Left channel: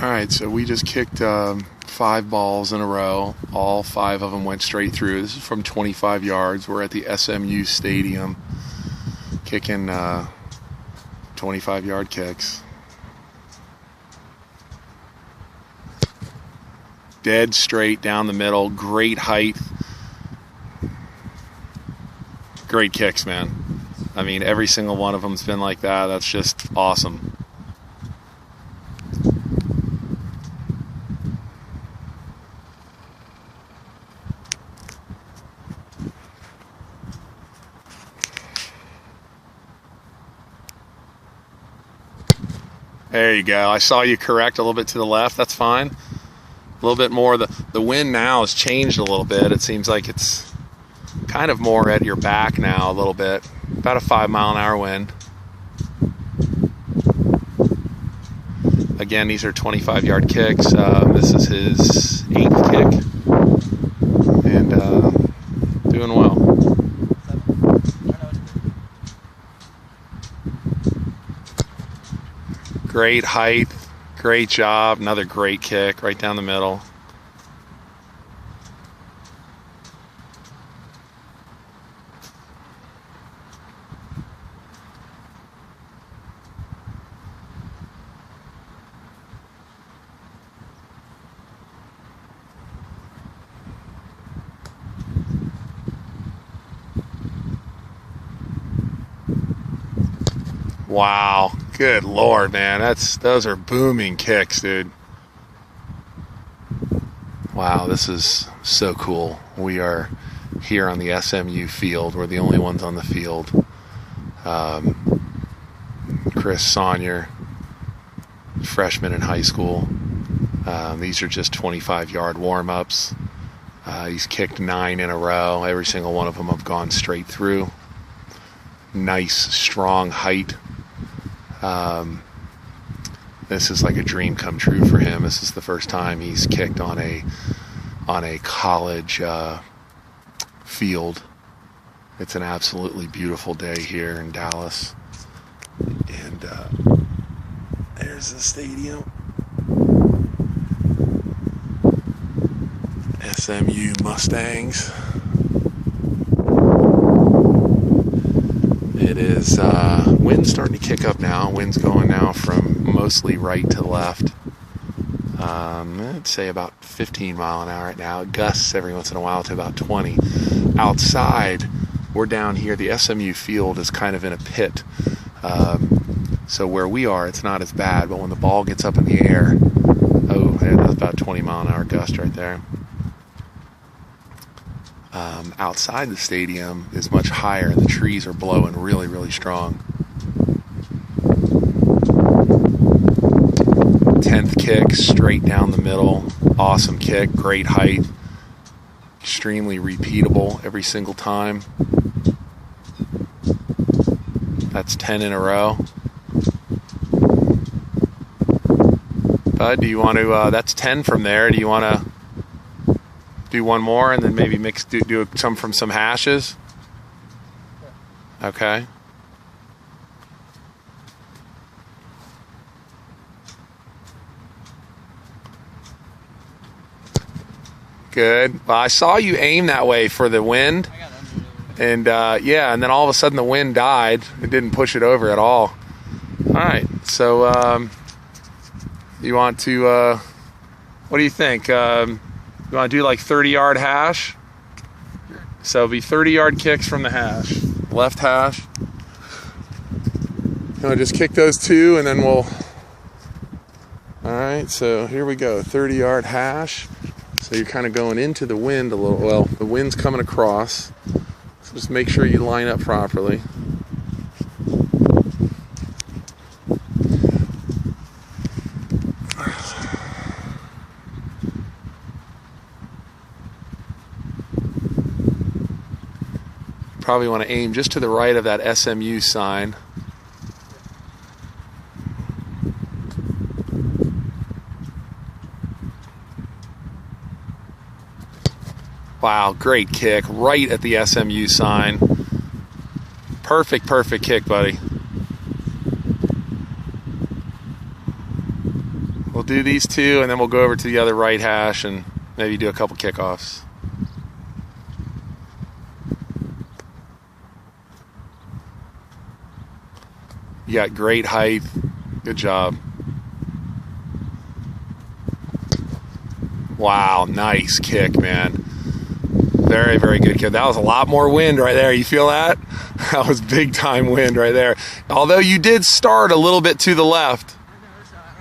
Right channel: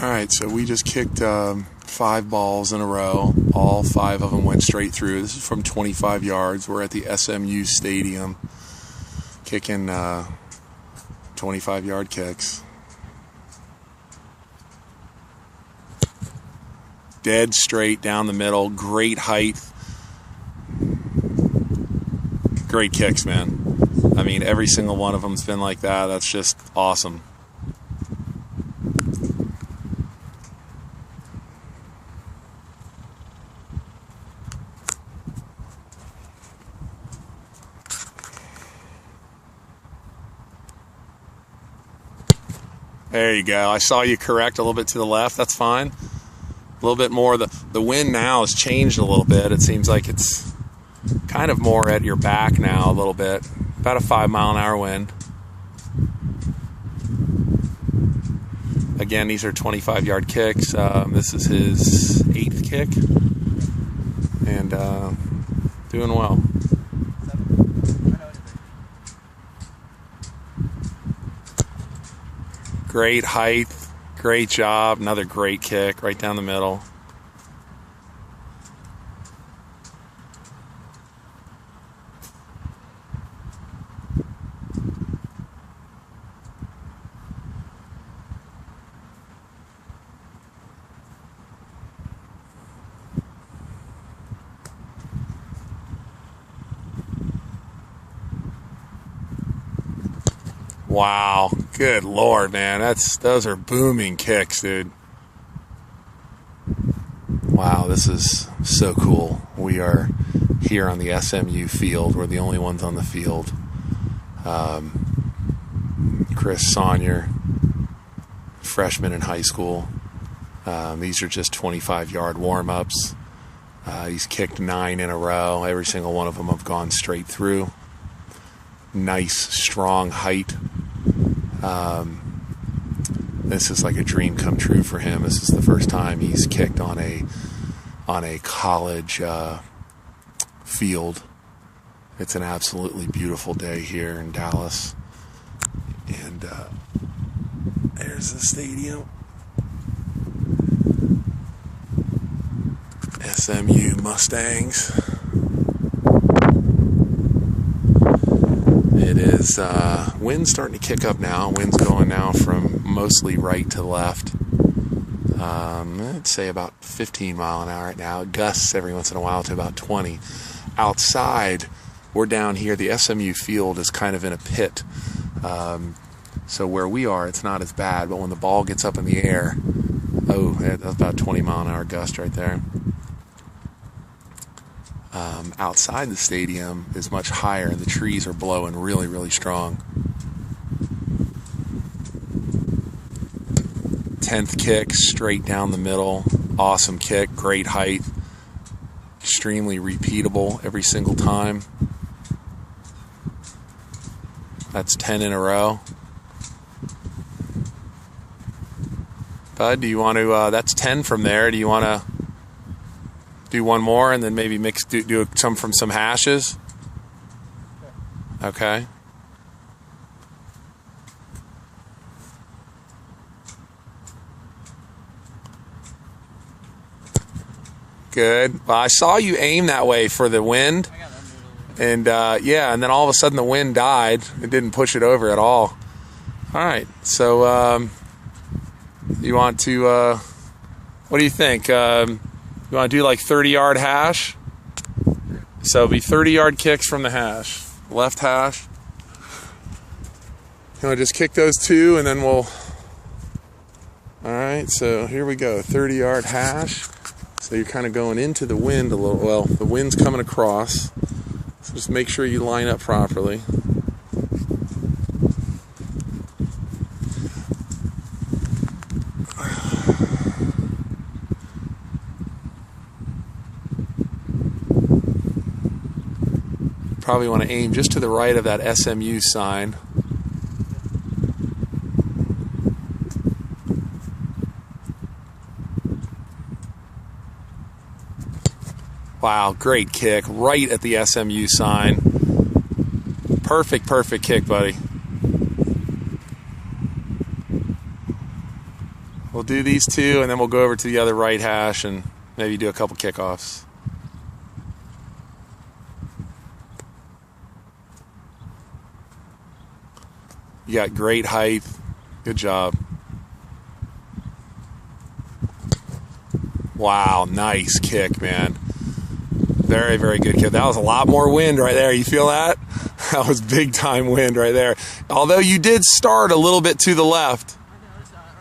Alright, so we just kicked 5 balls in a row. All 5 of them went straight through. This is from 25 yards. We're at the SMU stadium kicking 25-yard kicks. Dead straight down the middle. Great height. Great kicks, man. I mean, every single one of them's been like that. That's just awesome. There you go. I saw you correct a little bit to the left. That's fine. A little bit more. The wind now has changed a little bit. It seems like it's kind of more at your back now a little bit. About a 5-mile-an-hour wind. Again, these are 25-yard kicks. This is his 8th kick. And doing well. Great height, great job, another great kick right down the middle. Wow, good Lord, man. Those are booming kicks, dude. Wow, this is so cool. We are here on the SMU field. We're the only ones on the field. Chris Saunier, freshman in high school. These are just 25-yard warm-ups. He's kicked 9 in a row. Every single one of them have gone straight through. Nice, strong height. This is like a dream come true for him. This is the first time he's kicked on a college field. It's an absolutely beautiful day here in Dallas, and there's the stadium. SMU Mustangs. It is wind's starting to kick up now. Wind's going now from mostly right to left. I'd say about 15 mile an hour right now. It gusts every once in a while to about 20. Outside, we're down here. The SMU field is kind of in a pit. So where we are, it's not as bad. But when the ball gets up in the air, oh, that's about 20 mile an hour gust right there. Outside the stadium is much higher, and the trees are blowing really, really strong. 10th kick, straight down the middle. Awesome kick, great height. Extremely repeatable every single time. That's 10 in a row. Bud, do you want to, that's 10 from there. Do you want to do one more and then maybe do some from some hashes? Okay. Good. Well, I saw you aim that way for the wind. And yeah, and then all of a sudden the wind died. It didn't push it over at all. All right. So you want to, what do you think? You want to do like 30-yard hash? So it'll be 30-yard kicks from the hash. Left hash. You want to just kick those 2 and then we'll... Alright, so here we go. 30-yard hash. So you're kind of going into the wind a little. Well, the wind's coming across. So just make sure you line up properly. Probably want to aim just to the right of that SMU sign. Wow, great kick right at the SMU sign. Perfect kick, buddy. We'll do these two, and then we'll go over to the other right hash and maybe do a couple kickoffs. You got great height. Good job. Wow, nice kick, man. Very, very good kick. That was a lot more wind right there. You feel that? That was big time wind right there. Although you did start a little bit to the left.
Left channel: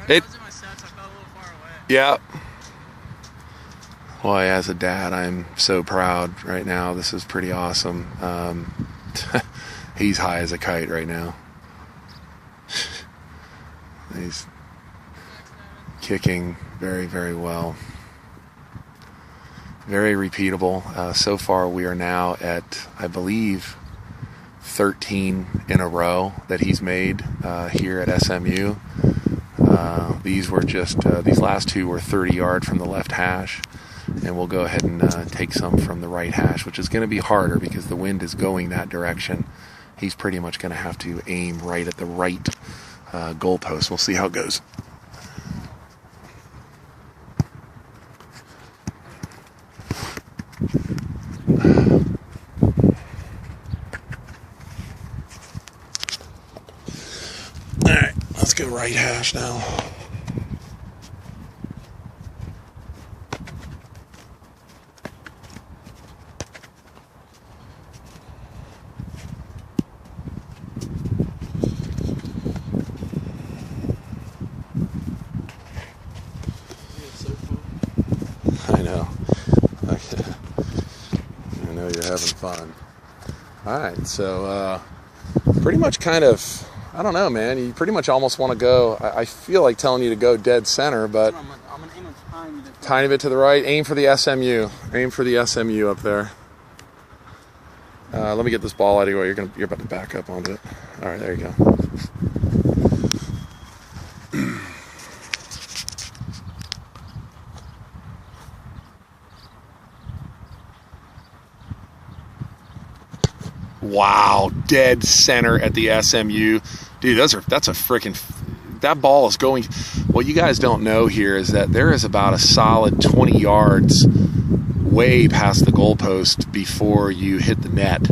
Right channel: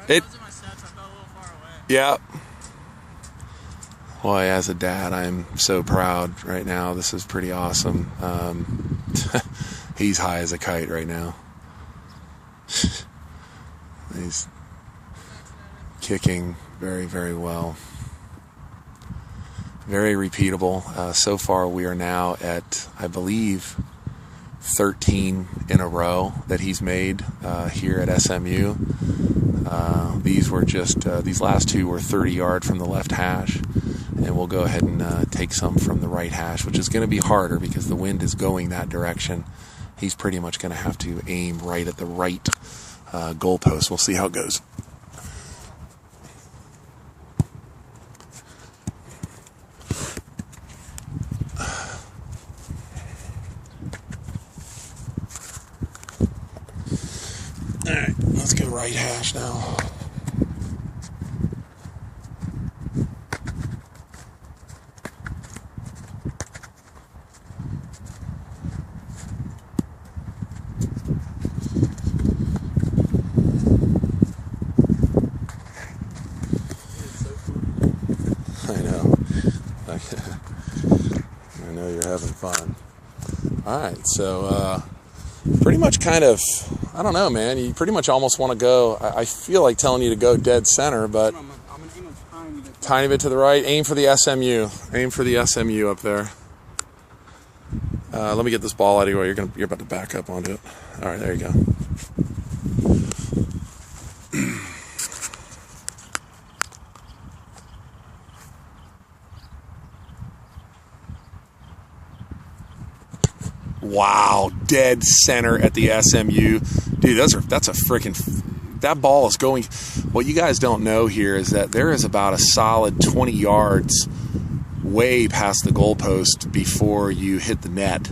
I was in my sets, I felt a little far away. Yeah. Boy, as a dad, I'm so proud right now. This is pretty awesome. He's high as a kite right now. He's kicking very, very well. Very repeatable. So far, we are now at, I believe, 13 in a row that he's made here at SMU. These were just, these last two were 30-yard from the left hash. And we'll go ahead and take some from the right hash, which is going to be harder because the wind is going that direction. He's pretty much going to have to aim right at the right goalpost. We'll see how it goes. All right, let's go right hash now. I know. I know you're having fun. All right, so pretty much kind of, I don't know, man. You pretty much almost want to go, I feel like telling you to go dead center, but I'm going to aim a tiny bit to the right. Aim for the SMU. Aim for the SMU up there. Let me get this ball out of your way. You're about to back up onto it. All right, there you go. Wow, dead center at the SMU. Dude, that's a freaking, that ball is going, what you guys don't know here is that there is about a solid 20 yards way past the goalpost before you hit the net.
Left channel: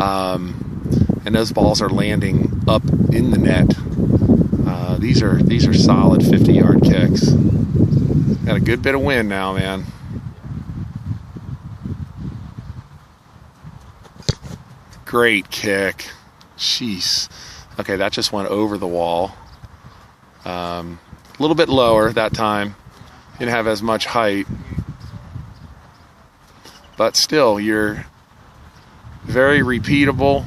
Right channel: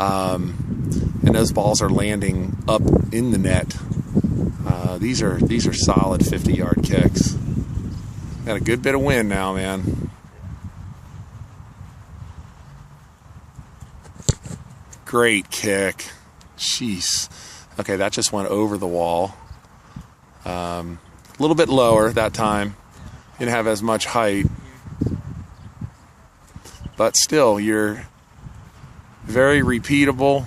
And those balls are landing up in the net. These are solid 50-yard kicks. Got a good bit of wind now, man. Great kick. Jeez. Okay, that just went over the wall. A little bit lower that time. Didn't have as much height. But still, you're very repeatable.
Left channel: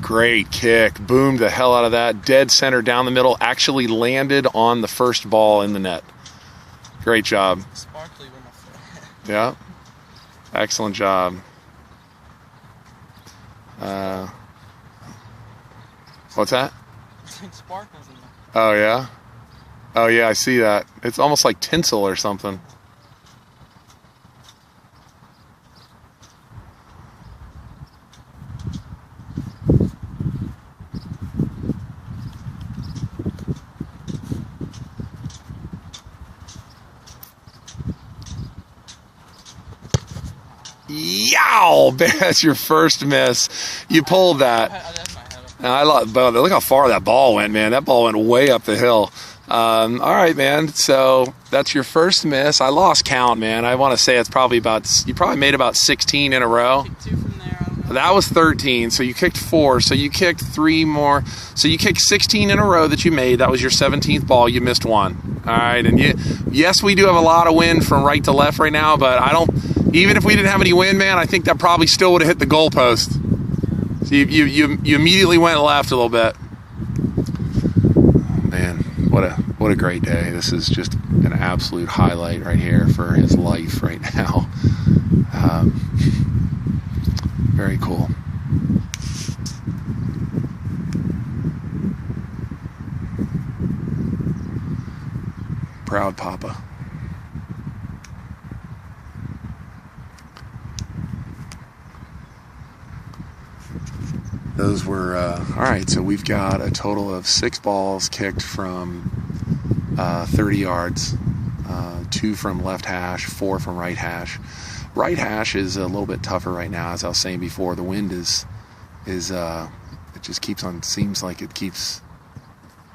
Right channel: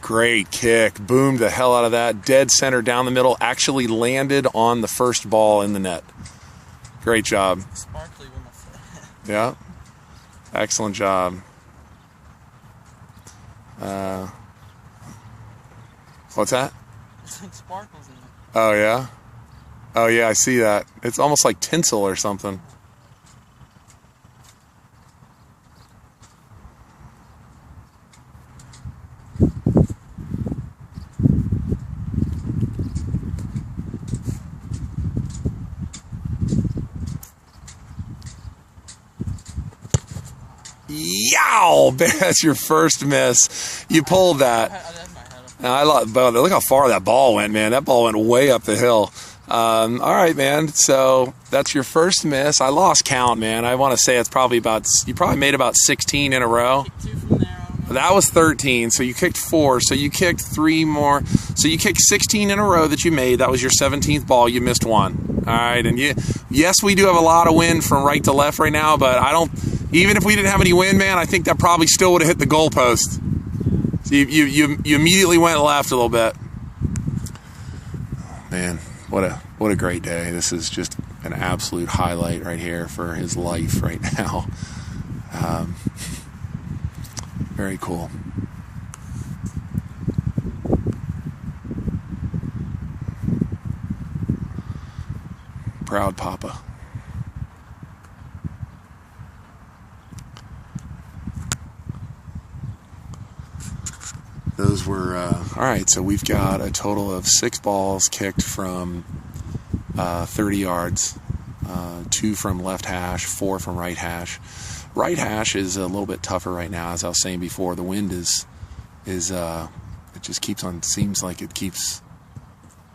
Great kick. Boomed the hell out of that. Dead center down the middle. Actually landed on the first ball in the net. Great job. Sparkly with my foot. Yeah. Excellent job. What's that? It's like sparkles in there. Oh, yeah? Oh, yeah, I see that. It's almost like tinsel or something. Yow! That's your first miss. You pulled that. I love, but look how far that ball went, man. That ball went way up the hill. All right, man. So that's your first miss. I lost count, man. I want to say it's probably about, you probably made about 16 in a row. Two from there, I don't know. That was 13. So you kicked 4. So you kicked 3 more. So you kicked 16 in a row that you made. That was your 17th ball. You missed 1. All right. And yes, we do have a lot of wind from right to left right now, but even if we didn't have any wind, man, I think that probably still would have hit the goalpost. So you immediately went left a little bit. Oh, man, what a great day. This is just an absolute highlight right here for his life right now. Very cool. proud papa. Those were, all right, so we've got a total of 6 balls kicked from 30 yards, 2 from left hash, 4 from right hash. Right hash is a little bit tougher right now, as I was saying before. The wind is it just keeps on, seems like it keeps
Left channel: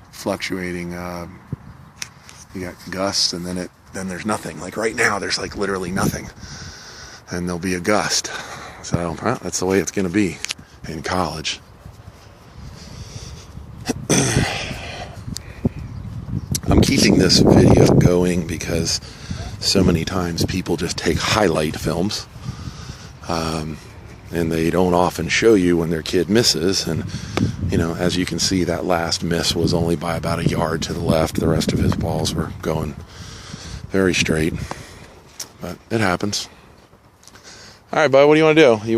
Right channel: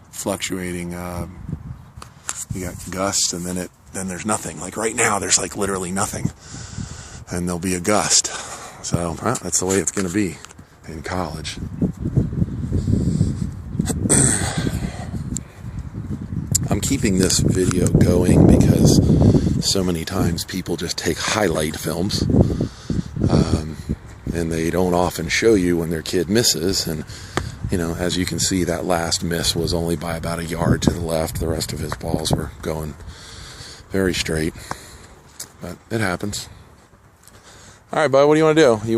fluctuating. You got gusts, and then there's nothing. Like right now, there's like literally nothing, and there'll be a gust. So that's the way it's going to be in college. I'm keeping this video going because so many times people just take highlight films, and they don't often show you when their kid misses. And you know, as you can see, that last miss was only by about a yard to the left. The rest of his balls were going very straight, but it happens. All right, bud, what do you want to do? You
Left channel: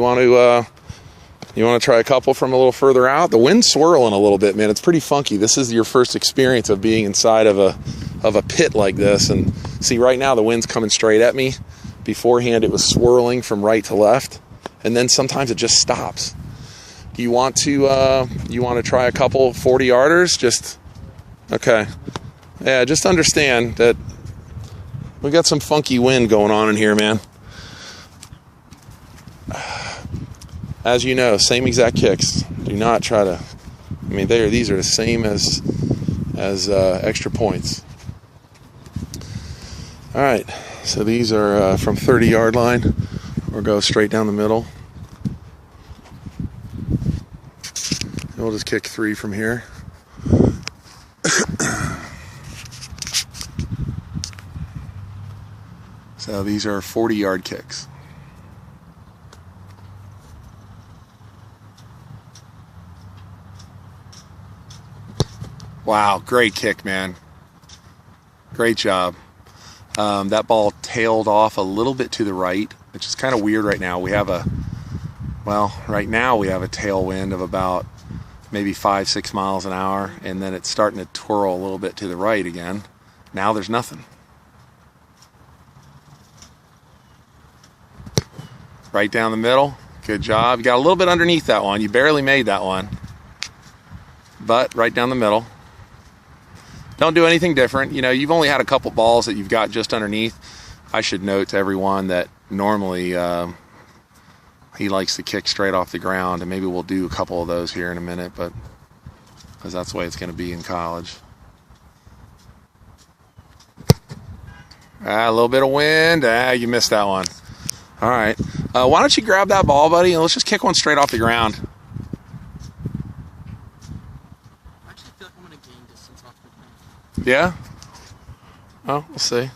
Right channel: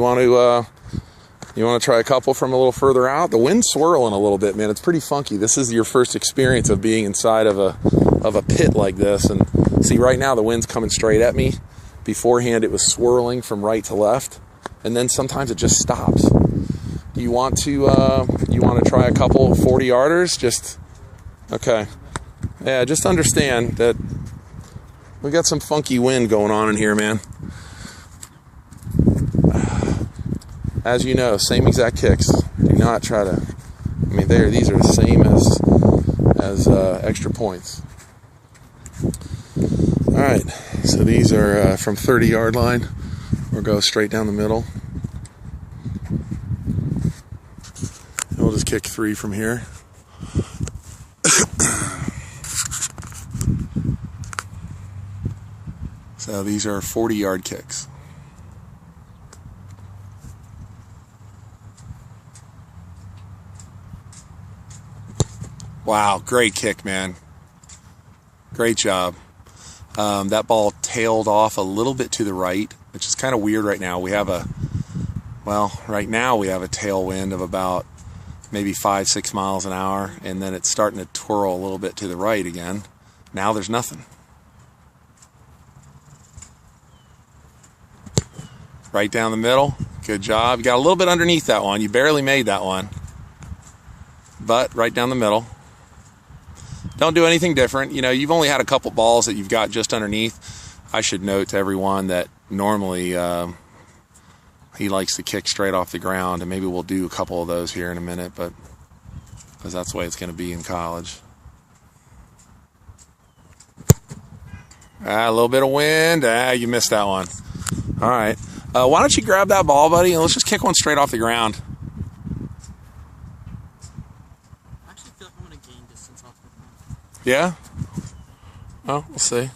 want to try a couple from a little further out? The wind's swirling a little bit, man. It's pretty funky. This is your first experience of being inside of a pit like this. And see, right now the wind's coming straight at me. Beforehand, it was swirling from right to left, and then sometimes it just stops. You want to try a couple 40-yarders? Just okay. Yeah, just understand that we got some funky wind going on in here, man. As you know, same exact kicks. Do not try to, I mean, these are the same as extra points. All right, so these are from 30-yard line, or go straight down the middle. And we'll just kick 3 from here. So these are 40-yard kicks. Wow, great kick, man. Great job. That ball tailed off a little bit to the right, which is kind of weird right now. Right now we have a tailwind of about maybe 5-6 miles an hour, and then it's starting to twirl a little bit to the right again. Now there's nothing. Right down the middle. Good job. You got a little bit underneath that one. You barely made that one. But right down the middle. Don't do anything different. You know, you've only had a couple balls that you've got just underneath. I should note to everyone that normally he likes to kick straight off the ground, and maybe we'll do a couple of those here in a minute, but because that's the way it's going to be in college. A little bit of wind. You missed that one. All right. Why don't you grab that ball, buddy, and let's just kick one straight off the ground. I actually feel like I'm going to gain distance off the ground. Yeah? Oh, we'll see.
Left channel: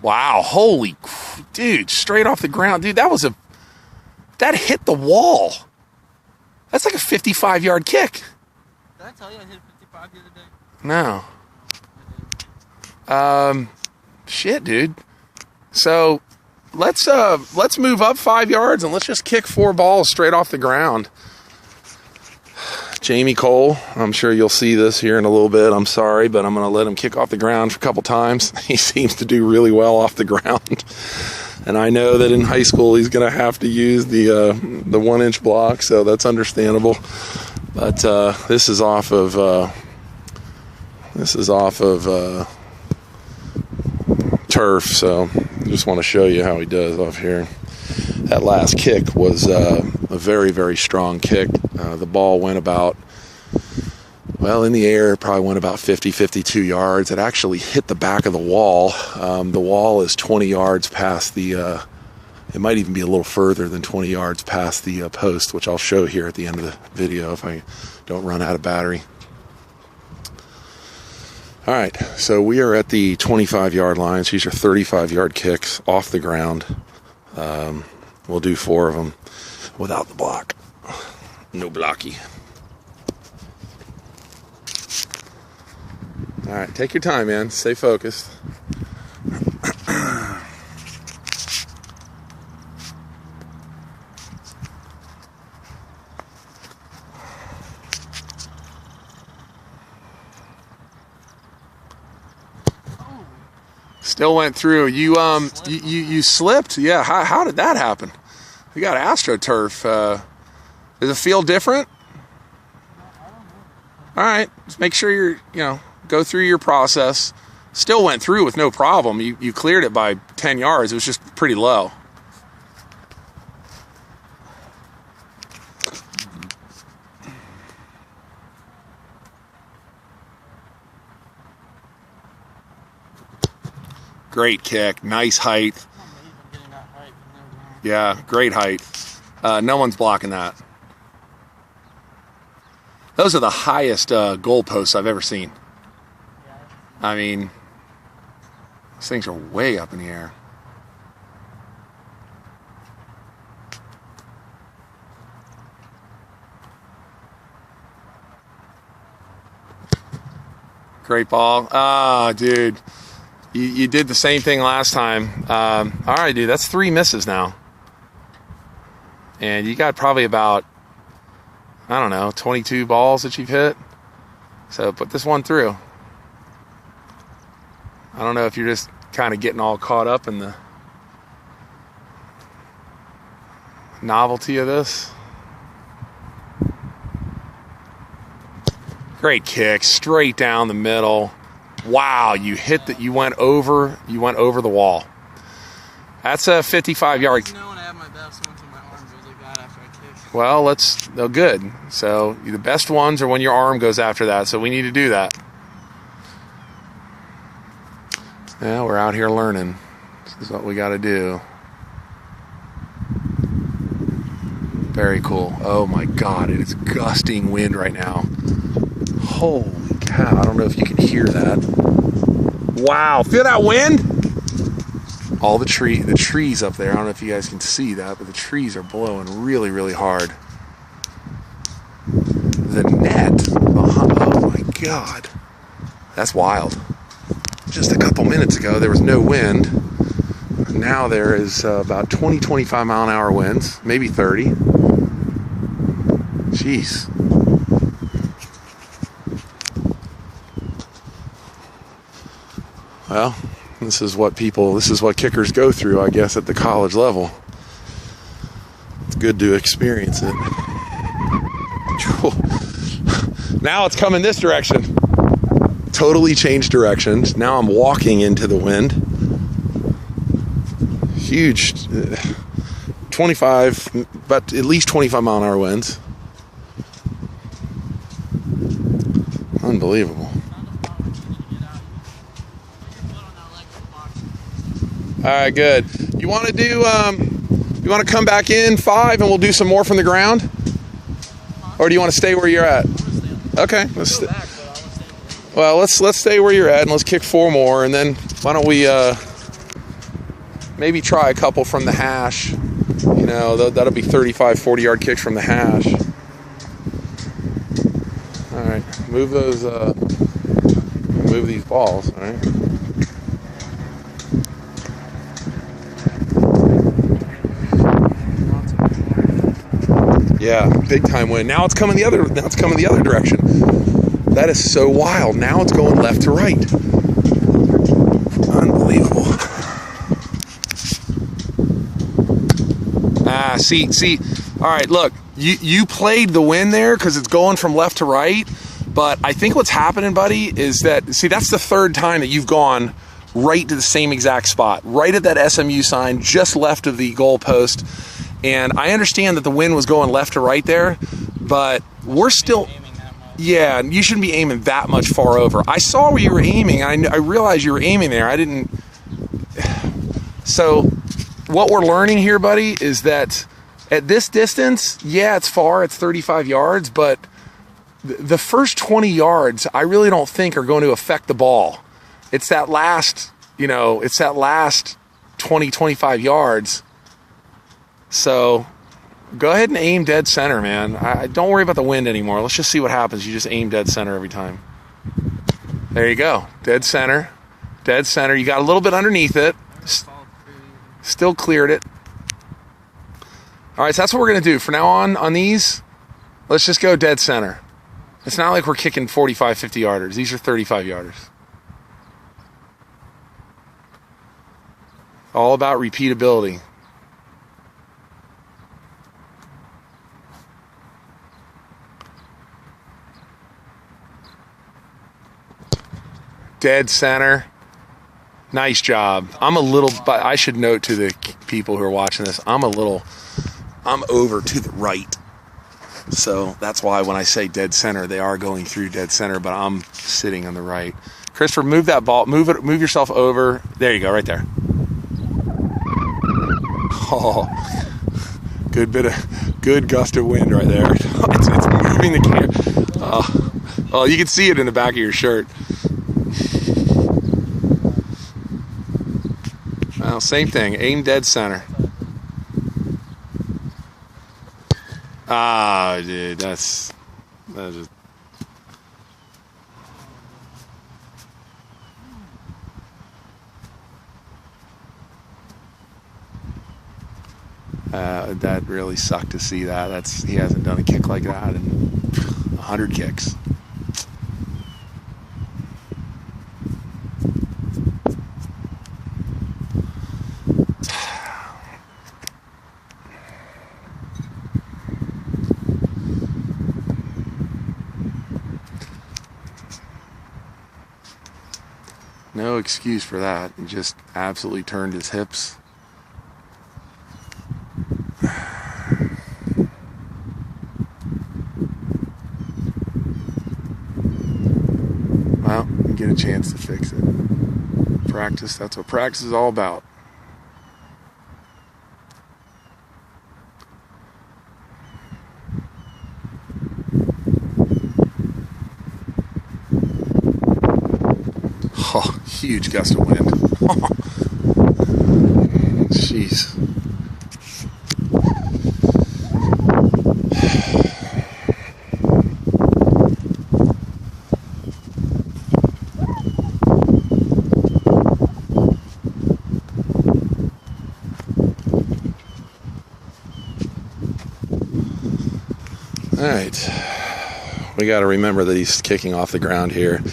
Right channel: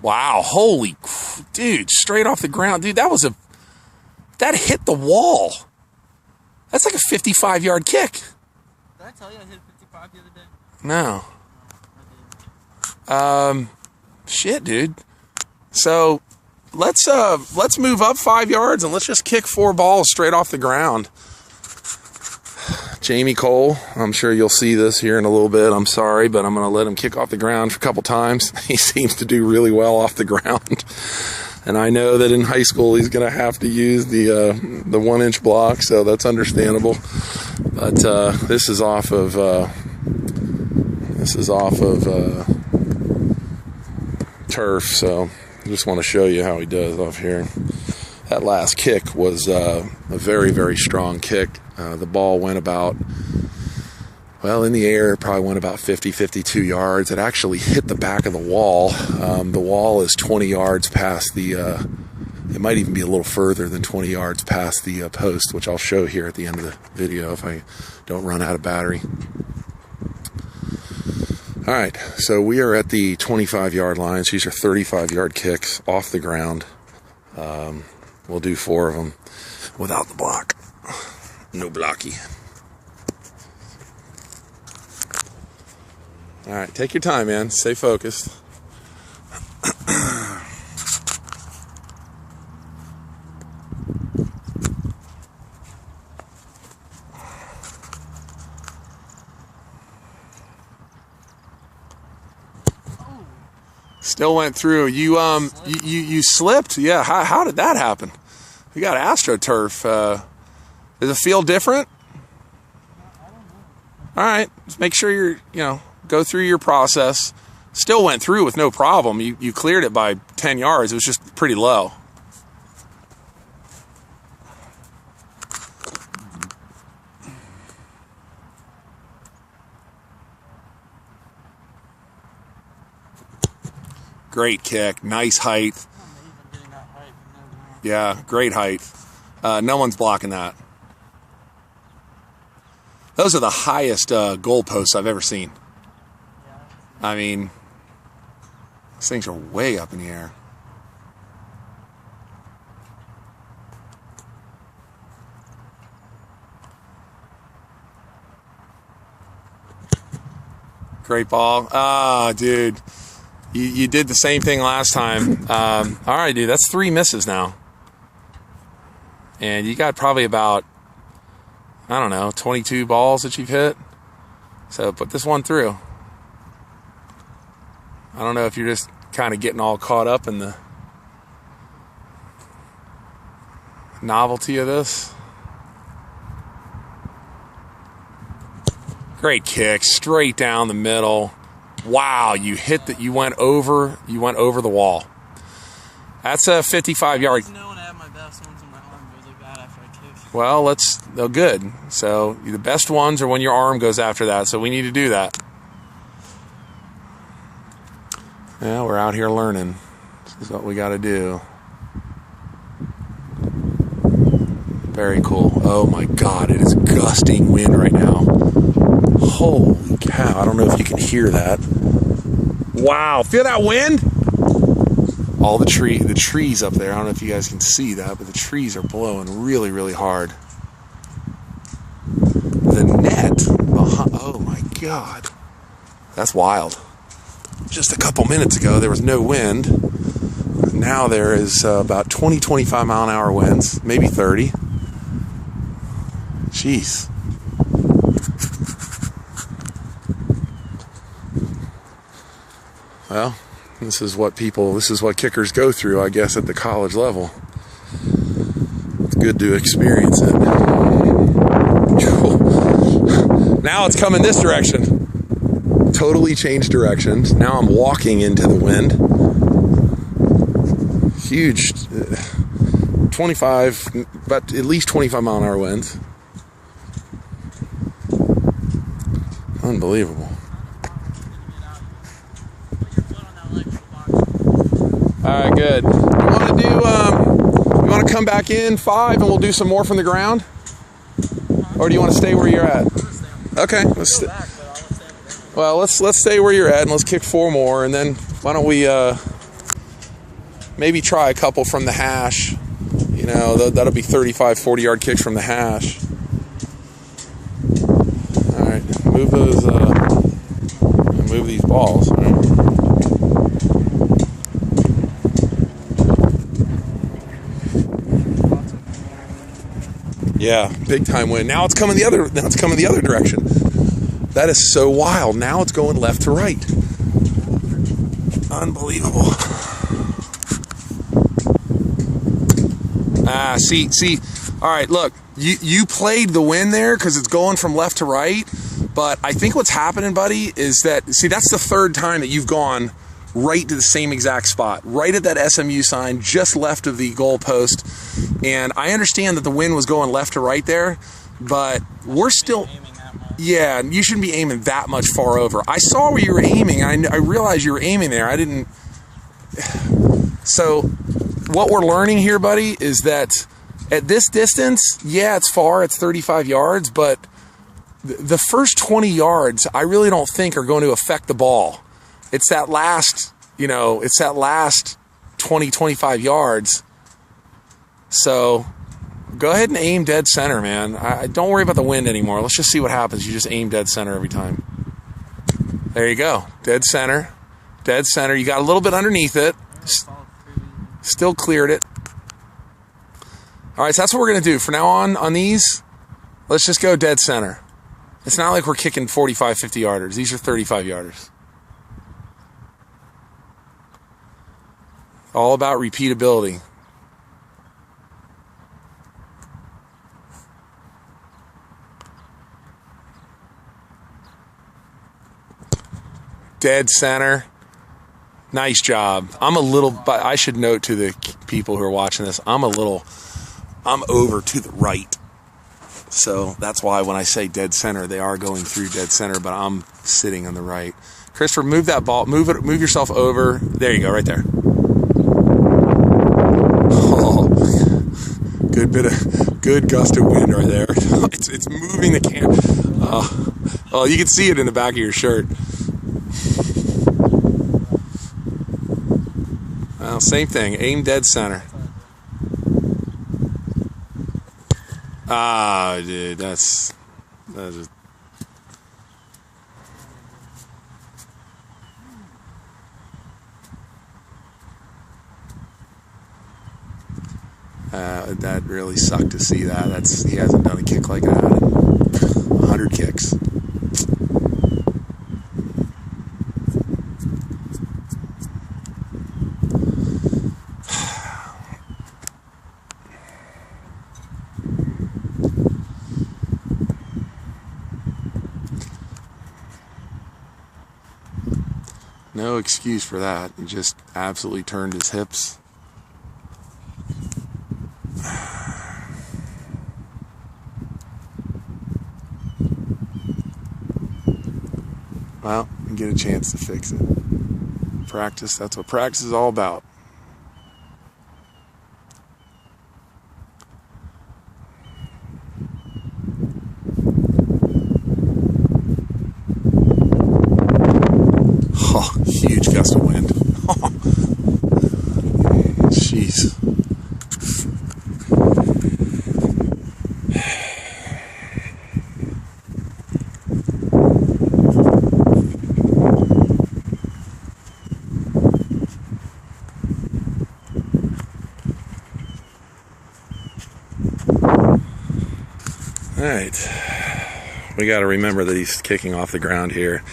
Wow, holy, dude, straight off the ground. Dude, that hit the wall. That's like a 55-yard kick. Did I tell you I hit 55 the other day? No. No, I didn't. Shit, dude. So let's move up 5 yards and let's just kick 4 balls straight off the ground. Jamie Cole, I'm sure you'll see this here in a little bit. I'm sorry, but I'm going to let him kick off the ground for a couple times. He seems to do really well off the ground. And I know that in high school he's going to have to use the 1-inch block, so that's understandable. But this is off of turf, so I just want to show you how he does off here. That last kick was a very, very strong kick. The ball went about, well, in the air, it probably went about 50, 52 yards. It actually hit the back of the wall. The wall is 20 yards past the, it might even be a little further than 20 yards past the post, which I'll show here at the end of the video if I don't run out of battery. All right, so we are at the 25-yard line. So these are 35-yard kicks off the ground. We'll do 4 of them without the block. No blocky. All right, take your time, man. Stay focused. Still went through. You slipped? Yeah. How did that happen? You got AstroTurf. Does it feel different? All right. Just make sure you're go through your process. Still went through with no problem. You cleared it by 10 yards. It was just pretty low. Great kick. Nice height. Yeah, great height. No one's blocking that. Those are the highest goalposts I've ever seen. I mean, these things are way up in the air. Great ball. Ah, dude. You did the same thing last time. All right, dude, that's 3 misses now. And you got probably about, I don't know, 22 balls that you've hit. So put this one through. I don't know if you're just kind of getting all caught up in the novelty of this. Great kick, straight down the middle. Wow, you hit that. You went over the wall. That's a 55-yard. Well, good. So the best ones are when your arm goes after that. So we need to do that. Yeah, we're out here learning. This is what we got to do. Very cool. Oh my God, it is gusting wind right now. Holy cow, I don't know if you can hear that. Wow, feel that wind? All the trees up there, I don't know if you guys can see that, but the trees are blowing really, really hard. The net behind, oh my God. That's wild. Just a couple minutes ago, there was no wind. Now there is about 20, 25 mile an hour winds, maybe 30. Jeez. Well, this is what kickers go through, I guess, at the college level. It's good to experience it. Now it's coming this direction. Totally changed directions. Now I'm walking into the wind. Huge, 25, but at least 25 mile an hour winds. Unbelievable. All right, good. You want to come back in 5 and we'll do some more from the ground? Or do you want to stay where you're at? Okay, let's stay where you're at and let's kick 4 more, and then why don't we maybe try a couple from the hash. You know, that'll be 35, 40-yard kicks from the hash. All right, move those, move these balls, all right? Yeah, big time wind. Now it's coming the other direction. That is so wild. Now it's going left to right. Unbelievable. See. All right, look. You played the wind there because it's going from left to right. But I think what's happening, buddy, is that, that's the 3rd time that you've gone right to the same exact spot, right at that SMU sign, just left of the goalpost. And I understand that the wind was going left to right there, but we're still, yeah, you shouldn't be aiming that much far over. I saw where you were aiming. I realized you were aiming there. I didn't. So what we're learning here, buddy, is that at this distance, yeah, it's far, it's 35 yards, but the first 20 yards, I really don't think are going to affect the ball. It's that last, 20, 25 yards. So go ahead and aim dead center, man. Don't worry about the wind anymore. Let's just see what happens. You just aim dead center every time. There you go. Dead center. Dead center. You got a little bit underneath it. Still cleared it. All right, so that's what we're going to do. For now on these, let's just go dead center. It's not like we're kicking 45, 50 yarders. These are 35 yarders. All about repeatability. Dead center. Nice job. But I should note to the people who are watching this, I'm over to the right. So that's why when I say dead center, they are going through dead center, but I'm sitting on the right. Christopher, move that ball. Move yourself over. There you go, right there. Oh, good gust of wind right there. It's moving the camera. Oh, you can see it in the back of your shirt. Well, same thing. Aim dead center. Ah, dude, that's just... that really sucked to see that. He hasn't done a kick like that in 100 kicks. No excuse for that. He just absolutely turned his hips. Well, you get a chance to fix it. Practice, that's what practice is all about. Oh, huge gust of wind. Jeez. All right. We got to remember that he's kicking off the ground here.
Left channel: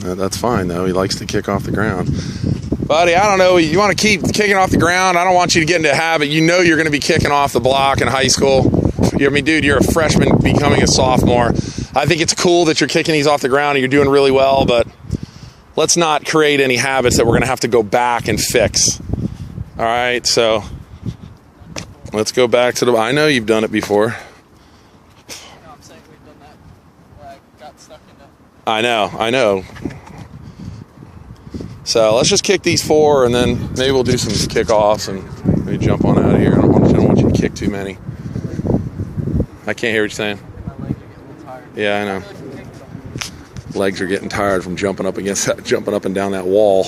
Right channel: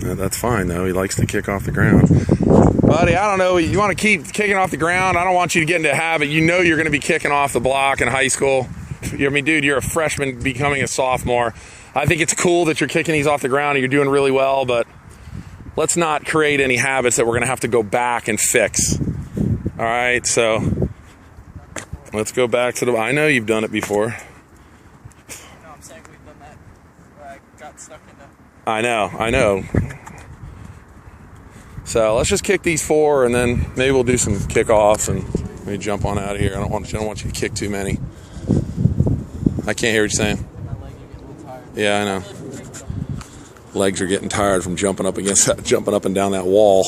That's fine, though. He likes to kick off the ground. Buddy, I don't know. You want to keep kicking off the ground? I don't want you to get into a habit. You know you're going to be kicking off the block in high school. I mean, dude, you're a freshman becoming a sophomore. I think it's cool that you're kicking these off the ground and you're doing really well, but let's not create any habits that we're going to have to go back and fix. All right, so let's go back to I know you've done it before. No, I'm saying we've done that where I got stuck in it. I know. So let's just kick these 4, and then maybe we'll do some kickoffs and maybe jump on out of here. I don't want you to kick too many. I can't hear what you're saying. My legs are getting a little tired. Yeah, I know. Legs are getting tired from jumping up and down that wall.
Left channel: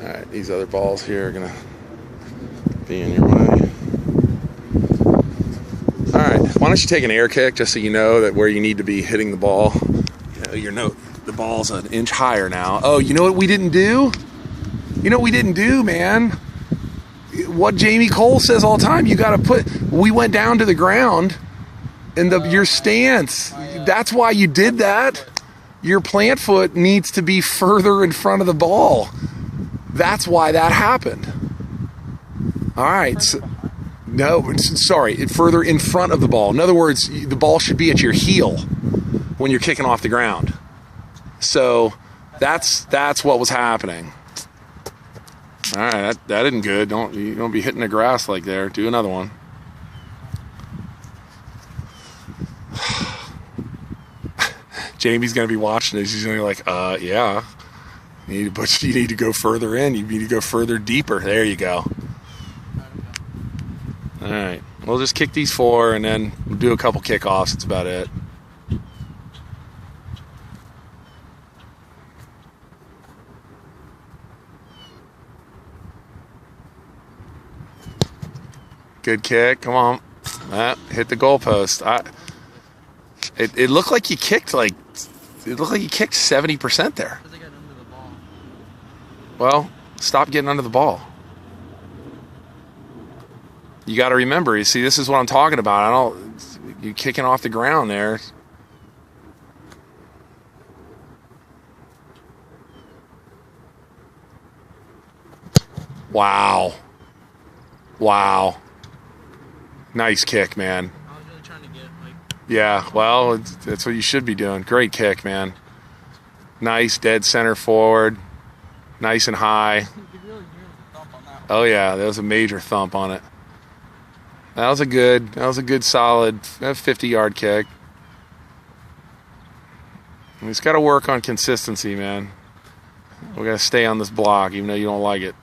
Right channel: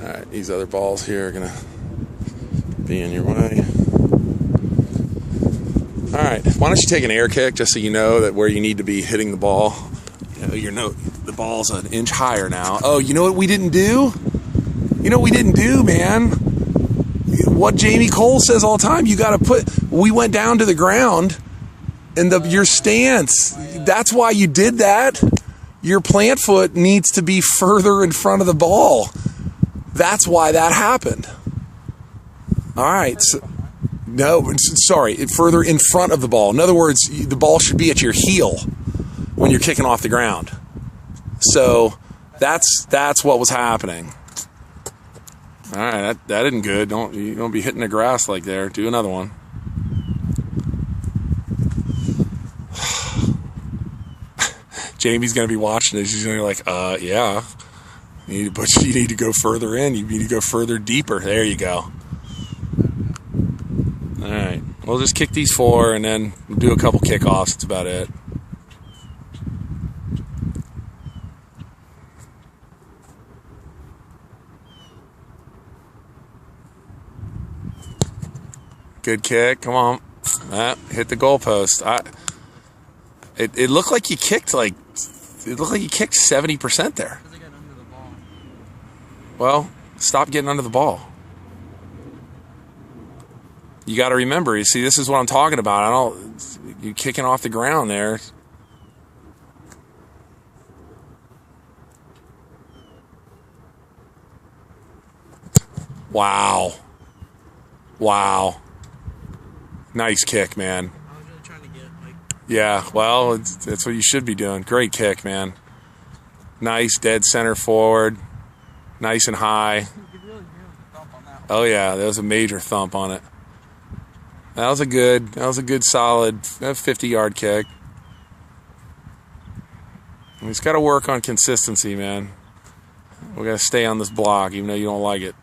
All right, these other balls here are gonna be in your way. All right, why don't you take an air kick just so you know that where you need to be hitting the ball. The ball's an inch higher now. Oh, you know what we didn't do? You know what we didn't do, man? What Jamie Cole says all the time, we went down to the ground in your stance. That's why you did that. Your plant foot needs to be further in front of the ball. That's why that happened. All right. Further in front of the ball. In other words, the ball should be at your heel when you're kicking off the ground. So that's what was happening. All right, that isn't good. You don't be hitting the grass like there. Do another one. Jamie's gonna be watching this. He's gonna be like, yeah. You need to go further in. You need to go further deeper. There you go. All right, we'll just kick these 4, and then we'll do a couple kickoffs. That's about it. Good kick. Come on. Hit the goalpost. It looked like you kicked like, it looked like you kicked 70% there. Because I got under the ball. Well, stop getting under the ball. You got to remember, you see, this is what I'm talking about. You're kicking off the ground there. Wow. Wow. Nice kick, man. I was really trying to get like. Yeah, well, that's what you should be doing. Great kick, man. Nice dead center forward. Nice and high. You could really hear the thump on that one. Oh yeah, there was a major thump on it. That was a good solid 50-yard kick. He's got to work on consistency, man. We got to stay on this block, even though you don't like it.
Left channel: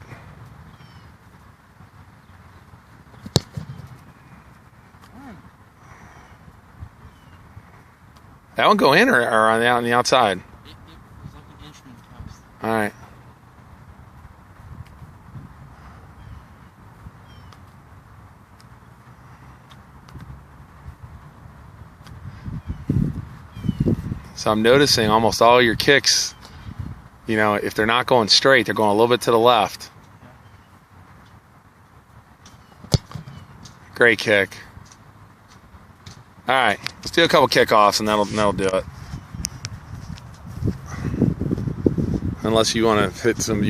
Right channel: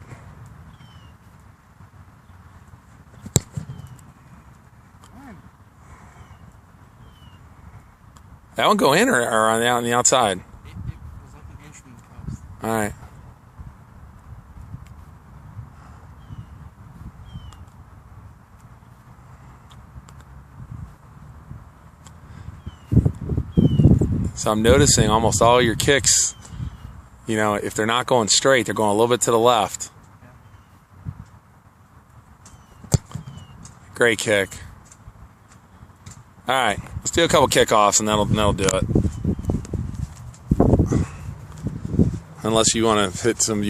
That one go in or on the outside? It was like an inch from the post. All right. So I'm noticing almost all your kicks, you know, if they're not going straight, they're going a little bit to the left. Great kick. All right, let's do a couple kickoffs and that'll do it. Unless you want to hit some,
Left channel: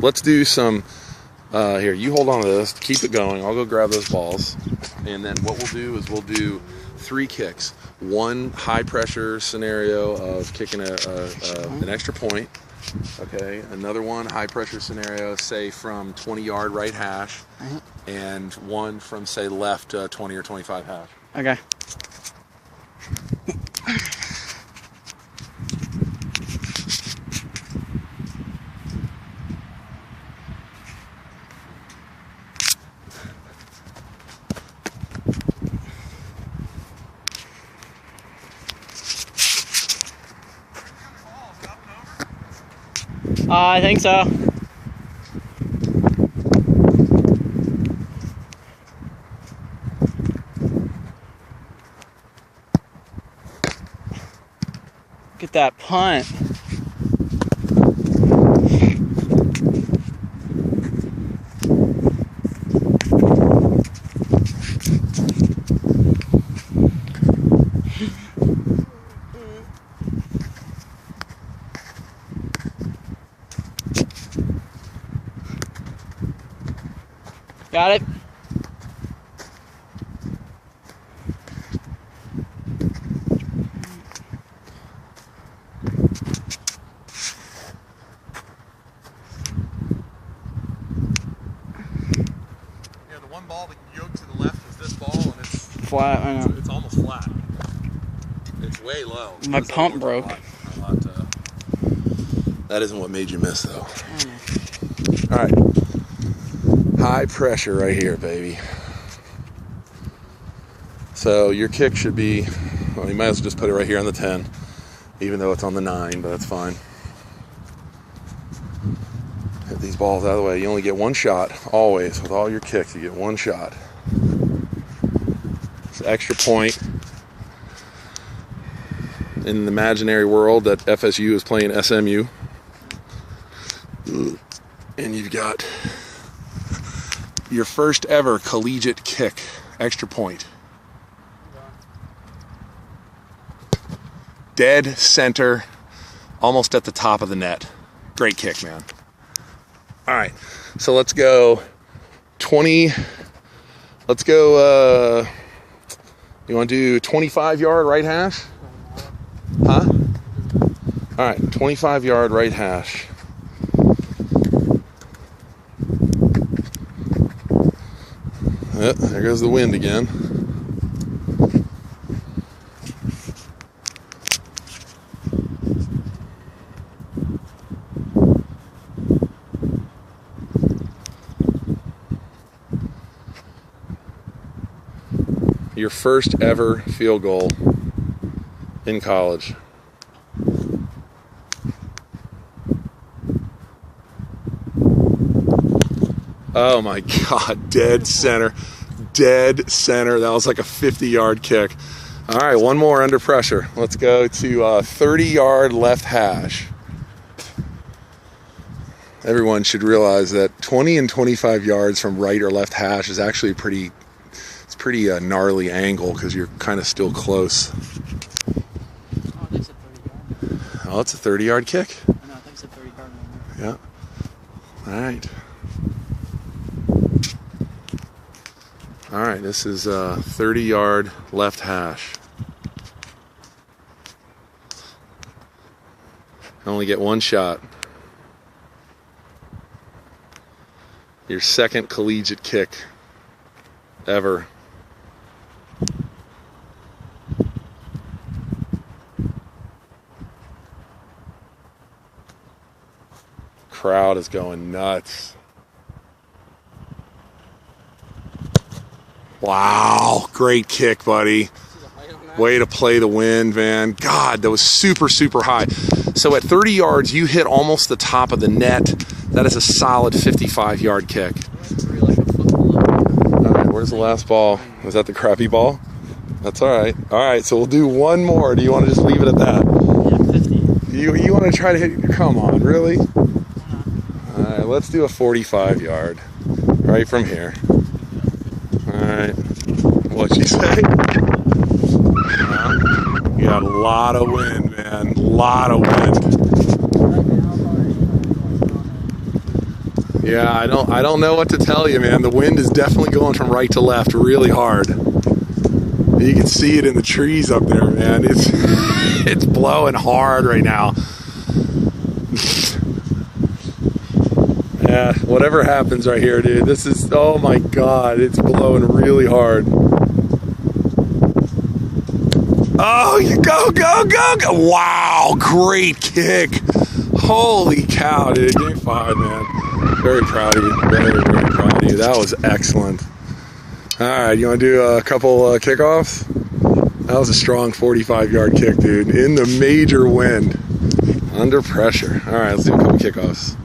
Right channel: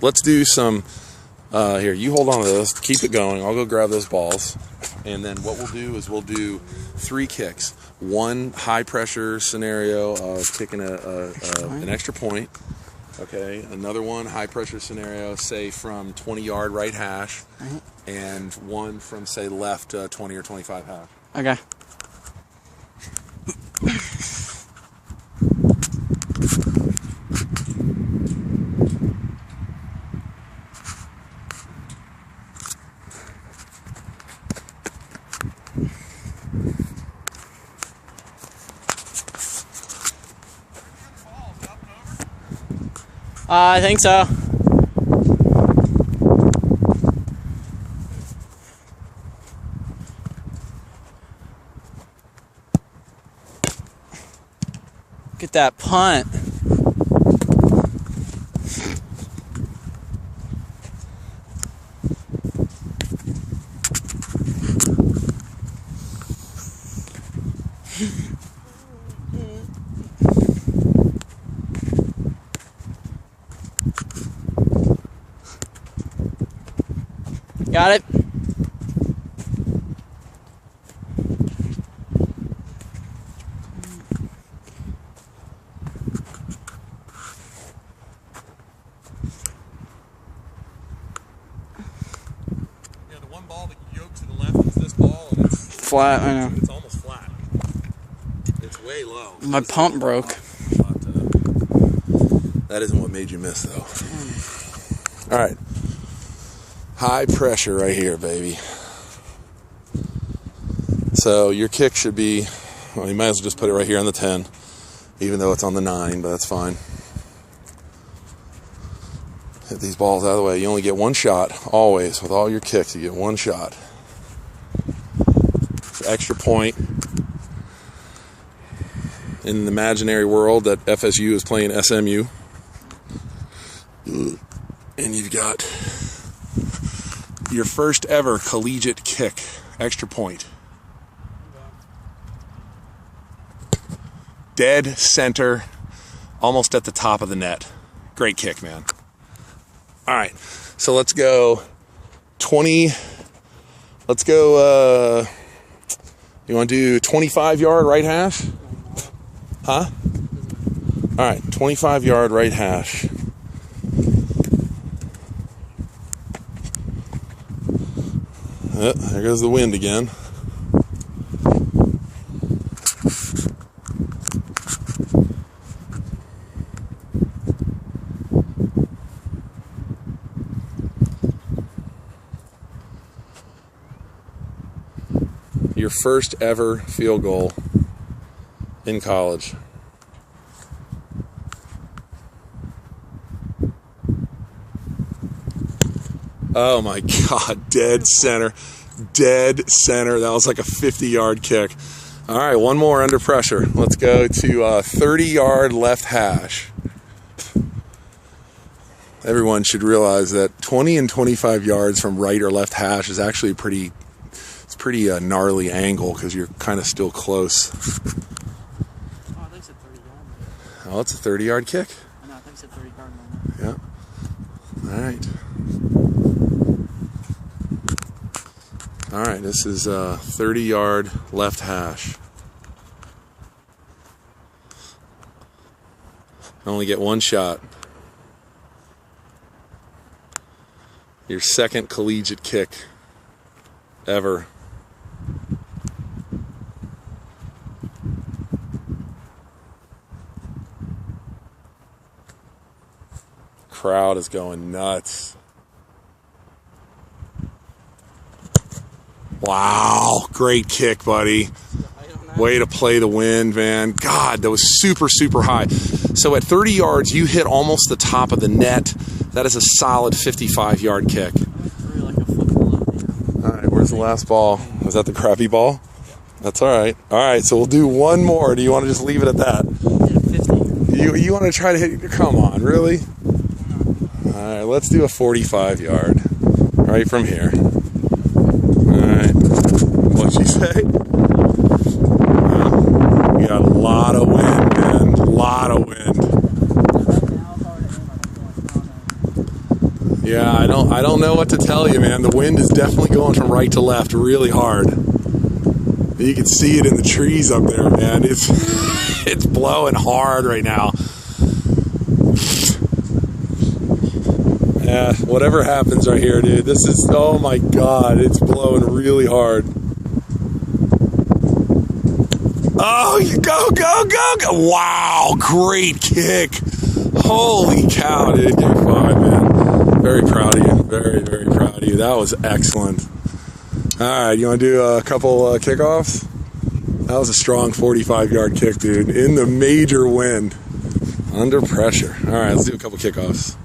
let's do some, here, you hold on to this, keep it going. I'll go grab those balls. And then what we'll do is we'll do 3 kicks. One high pressure scenario of kicking an extra point. Okay, another one high pressure scenario, say from 20-yard right hash. Right. And one from, say, left 20 or 25 hash. Okay. I think so. Get that punt. Got it? Yeah, the one ball that you yoked to the left is this ball, and it's Flat, I know. It's almost flat. It's way low. My pump broke. That isn't what made you miss, though. All right. High pressure right here, baby. So your kick should be, well, you might as well just put it right here on the 10, even though it's on the 9, but that's fine. Hit these balls out of the way. You only get one shot, always. With all your kicks, you get one shot. It's an extra point. In the imaginary world that FSU is playing SMU. And you've got your first ever collegiate kick, extra point. Dead center, almost at the top of the net. Great kick, man. All right, so let's go 20, let's go, you want to do 25-yard right hash? Huh? All right, 25-yard right hash. Yep, there goes the wind again. Your first ever field goal in college. Oh my God, dead center. Dead center. That was like a 50-yard kick. All right, one more under pressure. Let's go to 30-yard left hash. Everyone should realize that 20 and 25 yards from right or left hash is actually pretty gnarly angle because you're kind of still close. Oh, they said 30 yard. Oh, it's a 30-yard kick? No, I think it's a 30 yard number. Yeah. All right. All right, this is a 30-yard left hash. Only get one shot. Your second collegiate kick ever. Crowd is going nuts. Wow, great kick, buddy. Way to play the wind, man. God, that was super, super high. So at 30 yards, you hit almost the top of the net. That is a solid 55-yard kick. All right, where's the last ball? Was that the crappy ball? That's all right. All right, so we'll do one more. Do you want to just leave it at that? Yeah, 50. You want to try to hit? Come on, really? All right, let's do a 45-yard right from here. All right, what'd you say? You got a lot of wind, man. A lot of wind. Yeah, I don't know what to tell you, man. The wind is definitely going from right to left really hard. You can see it in the trees up there, man. It's blowing hard right now. Yeah, whatever happens right here, dude. This is, oh my God, it's blowing really hard. Oh, you go, go, go, go. Wow, great kick. Holy cow, dude. Game 5, man. Very proud of you. Very, very proud of you. That was excellent. All right, you want to do a couple kickoffs? That was a strong 45-yard kick, dude. In the major wind. Under pressure. All right, let's do a couple kickoffs.